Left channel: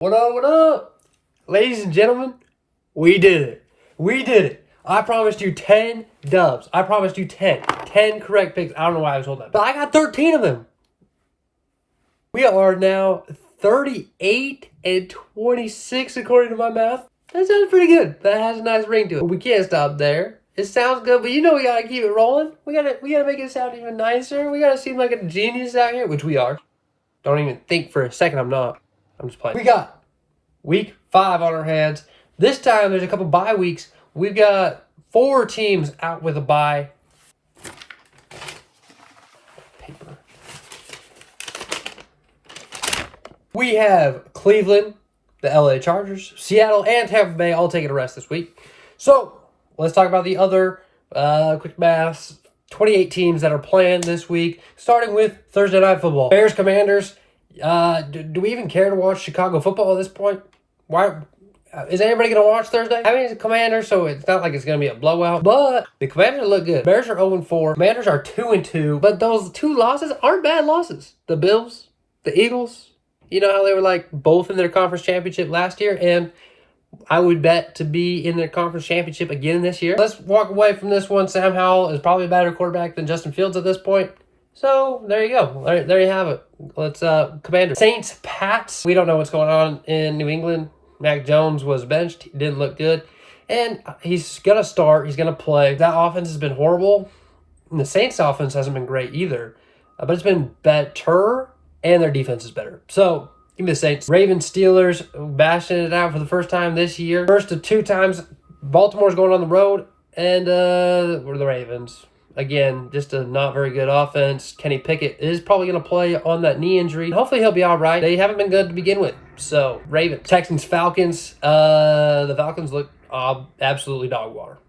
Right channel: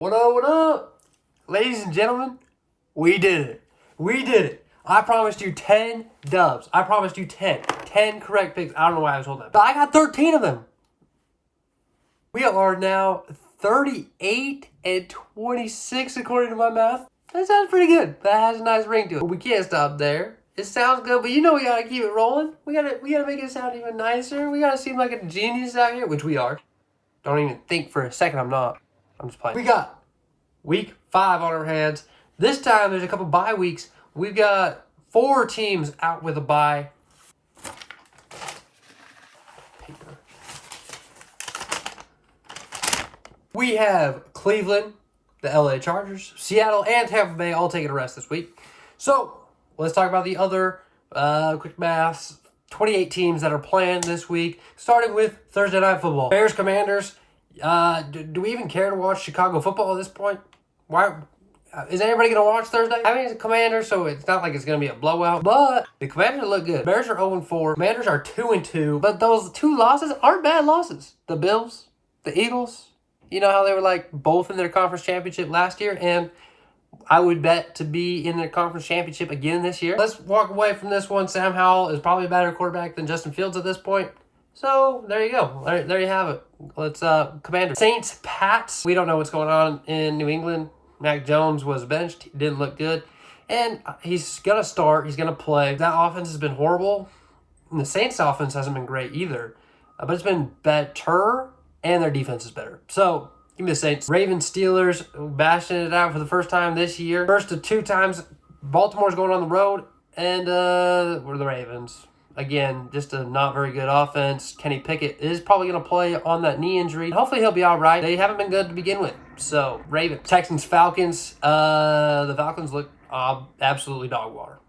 What up, what up? Ladies and gentlemen, we did it. We did it. I promised you 10 dubs. I promised you 10. 10 correct picks. I don't know why I was told that. But I got 13 of them. We are now 38 and 26 according to my math. That sounds pretty good. That has a nice ring to it. But we can't stop there. It sounds good, but you know we gotta keep it rolling. We gotta make it sound even nicer. We gotta seem like a genius out here, which we are. Don't even think for a second I'm not. I'm just playing. We got week 5 on our hands. This time there's a couple bye weeks. We've got 4 teams out with a bye. Paper. We have Cleveland, the LA Chargers, Seattle, and Tampa Bay all taking a rest this week. So let's talk about the other quick maths. 28 teams that are playing this week, starting with Thursday Night Football. Bears, Commanders. Do we even care to watch Chicago football at this point? Why is anybody going to watch Thursday? I mean, it's a Commanders, so it's not like it's going to be a blowout, but the Commanders look good. Bears are 0-4. Commanders are 2-2, but those 2 losses aren't bad losses. The Bills, the Eagles, you know how they were like both in their conference championship last year, and I would bet to be in their conference championship again this year. Let's walk away from this one. Sam Howell is probably a better quarterback than Justin Fields at this point. So there you go. There you have it. Let's Commander. Saints, Pats. We don't know what's going on in New England. Mac Jones was benched. He didn't look good. And he's going to start. He's going to play. That offense has been horrible. And the Saints offense hasn't been great either. But it's been better. And their defense is better. So give me the Saints. Ravens, Steelers, bashing it out for the first time this year. First of 2 times, Baltimore's going on the road. And we're the Ravens. Again, just a not very good offense. Kenny Pickett is probably going to play on that knee injury. Hopefully he'll be all right. They haven't been good to begin with. So, Ravens. Texans, Falcons. The Falcons look absolutely dog water.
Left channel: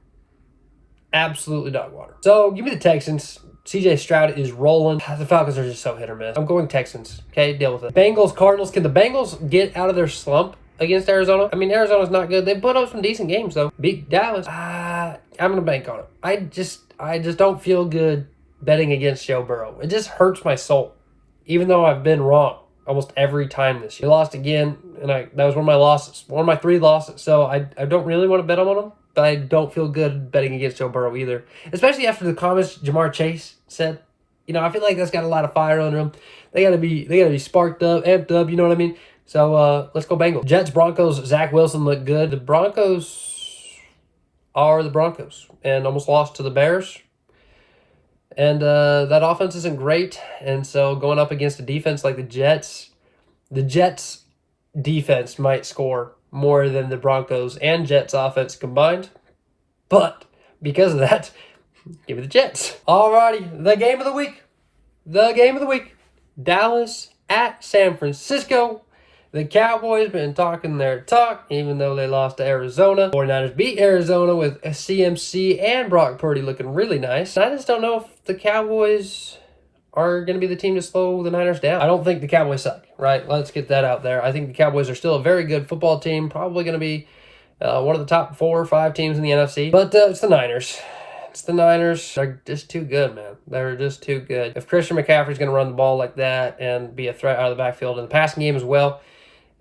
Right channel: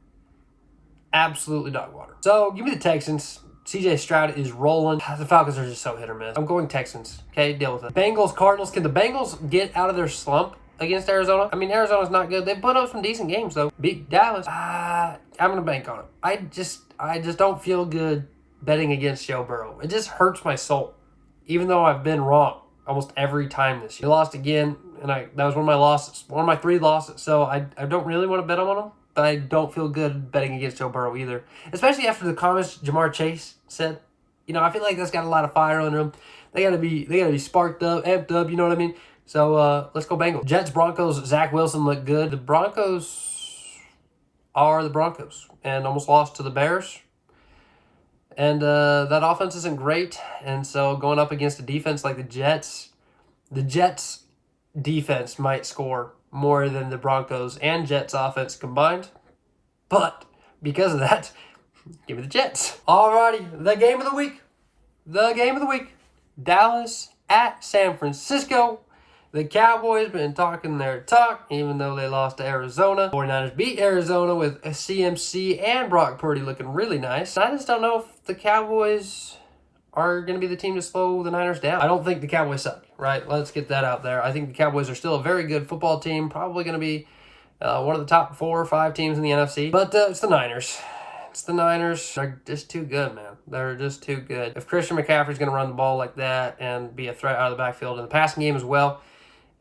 Absolutely dog water. So, give me the Texans. CJ Stroud is rolling. The Falcons are just so hit or miss. I'm going Texans. Okay, deal with it. Bengals, Cardinals. Can the Bengals get out of their slump against Arizona? I mean, Arizona's not good. They put up some decent games, though. Beat Dallas. I'm going to bank on it. I just don't feel good betting against Joe Burrow. It just hurts my soul, even though I've been wrong almost every time this year. He lost again, and that was one of my losses, one of my 3 losses. So I don't really want to bet on him, but I don't feel good betting against Joe Burrow either, especially after the comments Jamar Chase said. You know, I feel like that's got a lot of fire under them. They gotta be sparked up, amped up. You know what I mean? So let's go Bengals. Jets, Broncos. Zach Wilson looked good. The Broncos are the Broncos and almost lost to the Bears. And that offense isn't great. And so going up against a defense like the Jets defense might score more than the Broncos and Jets offense combined. But because of that, give me the Jets. Alrighty, the game of the week. The game of the week. Dallas at San Francisco. The Cowboys been talking their talk, even though they lost to Arizona. 49ers beat Arizona with CMC and Brock Purdy looking really nice. I just don't know if the Cowboys are going to be the team to slow the Niners down. I don't think the Cowboys suck, right? Let's get that out there. I think the Cowboys are still a very good football team, probably going to be one of the top 4 or 5 teams in the NFC. But it's the Niners. It's the Niners. They're just too good, man. They're just too good. If Christian McCaffrey's going to run the ball like that and be a threat out of the backfield in the passing game as well,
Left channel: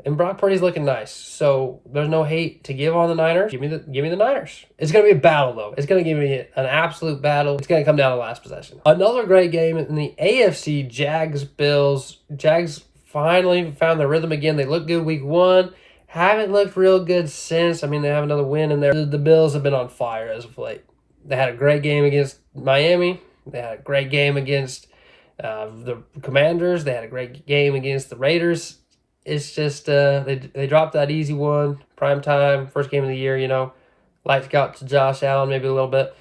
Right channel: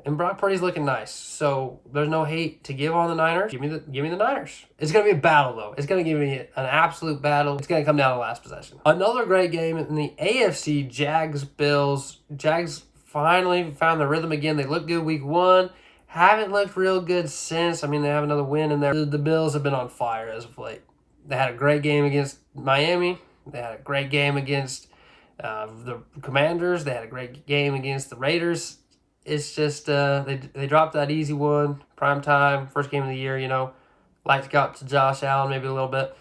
and Brock Purdy's looking nice, so there's no hate to give on the Niners. Give me the Niners. It's going to be a battle, though. It's going to give me an absolute battle. It's going to come down to the last possession. Another great game in the AFC, Jags-Bills. Jags finally found their rhythm again. They looked good week 1. Haven't looked real good since. I mean, they have another win in there. The Bills have been on fire as of late. They had a great game against Miami. They had a great game against the Commanders. They had a great game against the Raiders. It's just they dropped that easy one, prime time, first game of the year, you know. Lights got to Josh Allen maybe a little bit,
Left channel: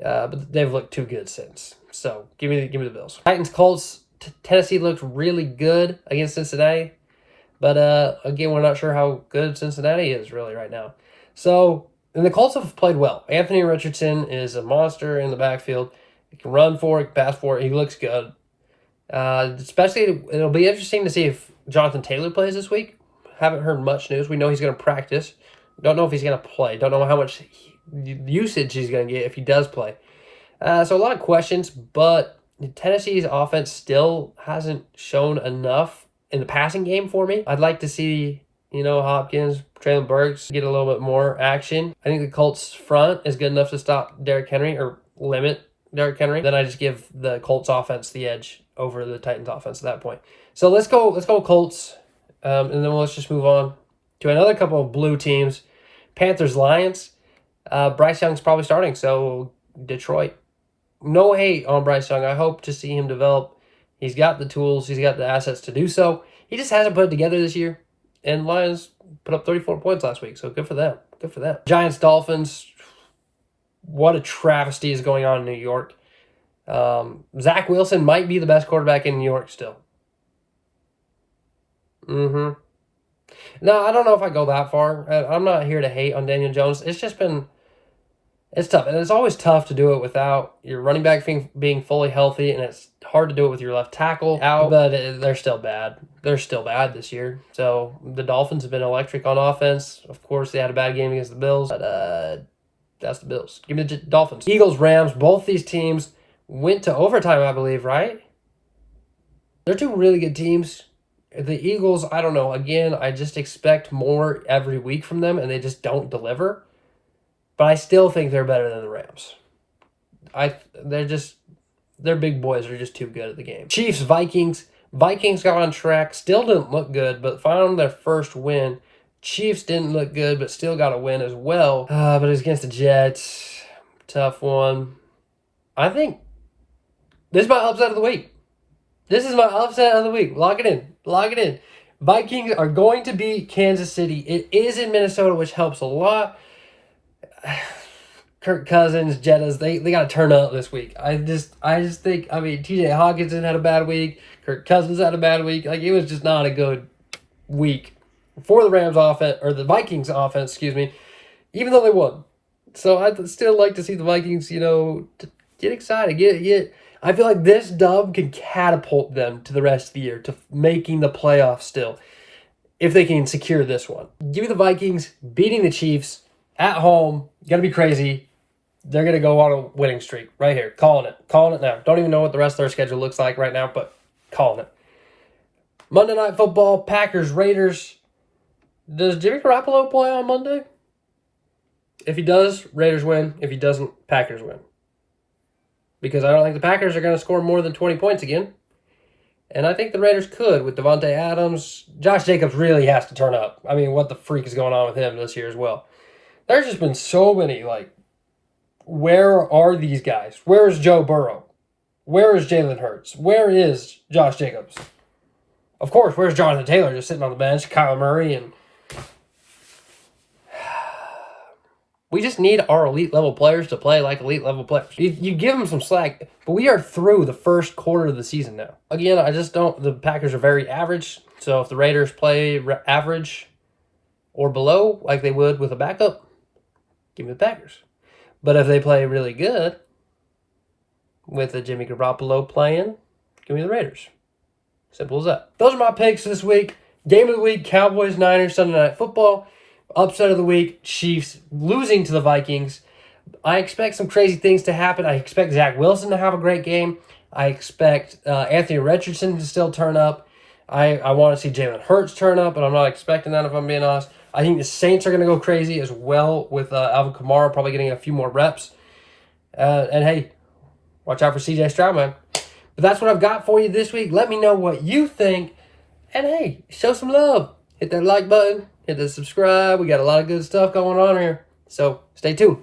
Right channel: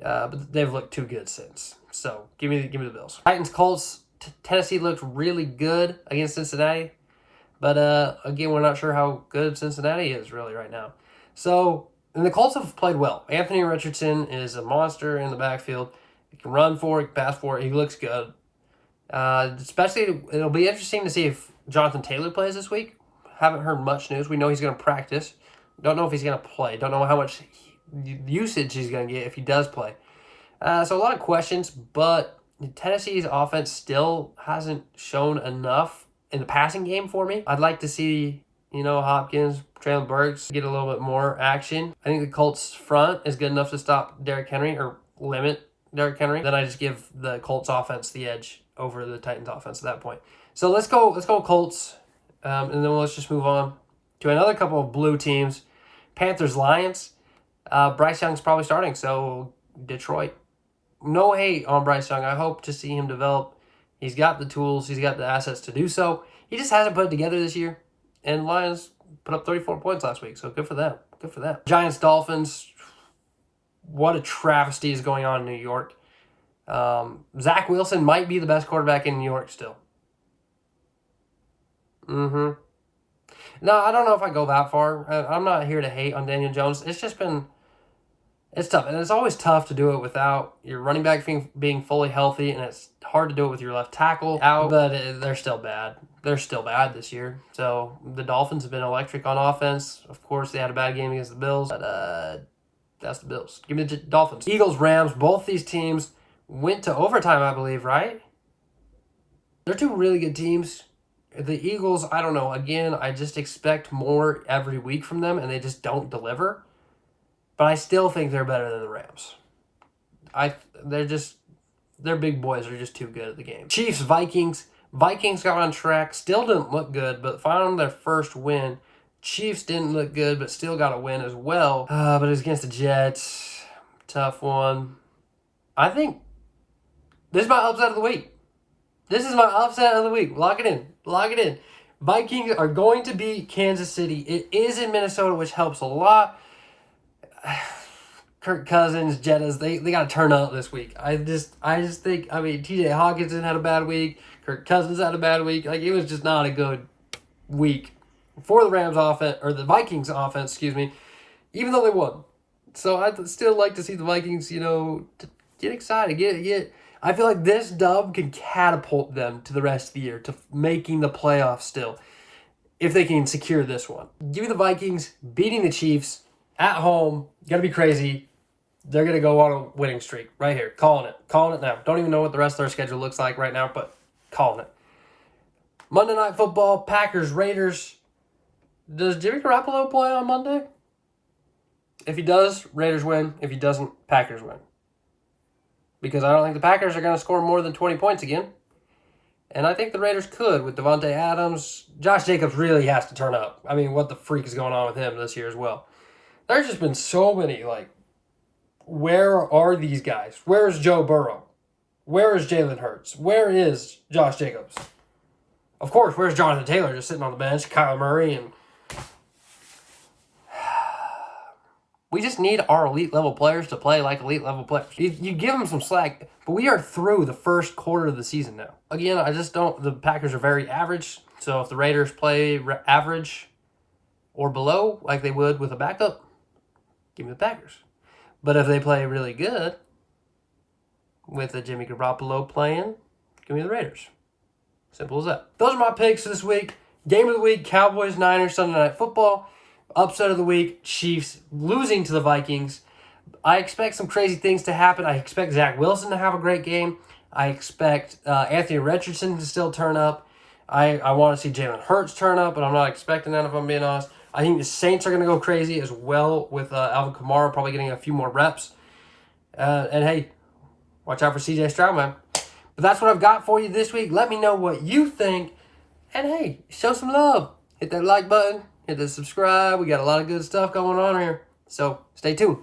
but they've looked too good since. So give me the Bills. Titans, Colts. Tennessee looked really good against Cincinnati, but again, we're not sure how good Cincinnati is really right now. So and the Colts have played well. Anthony Richardson is a monster in the backfield. He can run for it, pass for it. He looks good. Especially, it'll be interesting to see if Jonathan Taylor plays this week. Haven't heard much news. We know he's going to practice. Don't know if he's going to play. Don't know how much usage he's going to get if he does play. So a lot of questions, but Tennessee's offense still hasn't shown enough in the passing game for me. I'd like to see Hopkins, Traylon Burks get a little bit more action. I think the Colts front is good enough to stop Derrick Henry or limit Derrick Henry. Then I just give the Colts offense the edge over the Titans offense at that point. So let's go Colts, and then let's just move on to another couple of blue teams. Panthers, Lions. Bryce Young's probably starting, so Detroit. No hate on Bryce Young. I hope to see him develop. He's got the tools. He's got the assets to do so. He just hasn't put it together this year. And Lions put up 34 points last week, so good for them. Good for them. Giants, Dolphins. What a travesty is going on in New York. Zach Wilson might be the best quarterback in New York still. No, I don't know if I go that far. I'm not here to hate on Daniel Jones. It's just been... It's tough, and it's always tough to do it without your running back being fully healthy, and it's hard to do it with your left tackle out, but they're still bad. They're still bad this year. So the Dolphins have been electric on offense. Of course, they had a bad game against the Bills, but that's the Bills. Give me the Dolphins. Eagles, Rams, both these teams went to overtime, I believe, right? They're two really good teams. The Eagles, I don't know. Again, I just expect more every week from them, and they just don't deliver. But I still think they're better than the Rams. Their big boys are just too good at the game. Chiefs, Vikings. Vikings got on track. Still didn't look good, but found their first win. Chiefs didn't look good, but still got a win as well. But it was against the Jets. Tough one. I think this is my upset of the week. This is my upset of the week. Lock it in. Lock it in. Vikings are going to beat Kansas City. It is in Minnesota, which helps a lot. Kirk Cousins, Jettas, they got to turn up this week. I just think, TJ Hawkinson had a bad week. Kirk Cousins had a bad week. It was just not a good week for the Rams offense, or the Vikings offense, excuse me, even though they won. So I'd still like to see the Vikings, to get excited. I feel like this dub can catapult them to the rest of the year, to making the playoffs still, if they can secure this one. Give me the Vikings beating the Chiefs at home. Gonna be crazy. They're gonna go on a winning streak right here. Calling it now. Don't even know what the rest of their schedule looks like right now, but calling it. Monday Night Football, Packers, Raiders. Does Jimmy Garoppolo play on Monday? If he does, Raiders win. If he doesn't, Packers win. Because I don't think the Packers are going to score more than 20 points again. And I think the Raiders could with Devontae Adams. Josh Jacobs really has to turn up. What the freak is going on with him this year as well? There's just been so many, where are these guys? Where is Joe Burrow? Where is Jalen Hurts? Where is Josh Jacobs? Of course, where's Jonathan Taylor just sitting on the bench? Kyler Murray, and we just need our elite level players to play like elite level players. You give them some slack, but we are through the first quarter of the season now. Again, the Packers are very average, so if the Raiders play average or below like they would with a backup, give me the Packers. But if they play really good with the Jimmy Garoppolo playing, give me the Raiders. Simple as that. Those are my picks this week. Game of the week, Cowboys, Niners, Sunday Night Football. Upset of the week, Chiefs losing to the Vikings. I expect some crazy things to happen. I expect Zach Wilson to have a great game. I expect Anthony Richardson to still turn up. I want to see Jalen Hurts turn up, but I'm not expecting that if I'm being honest. I think the Saints are going to go crazy as well with Alvin Kamara probably getting a few more reps. And hey, watch out for CJ Stroud, man. But that's what I've got for you this week. Let me know what you think. And hey, show some love. Hit that like button. Hit the subscribe. We got a lot of good stuff going on here. So stay tuned.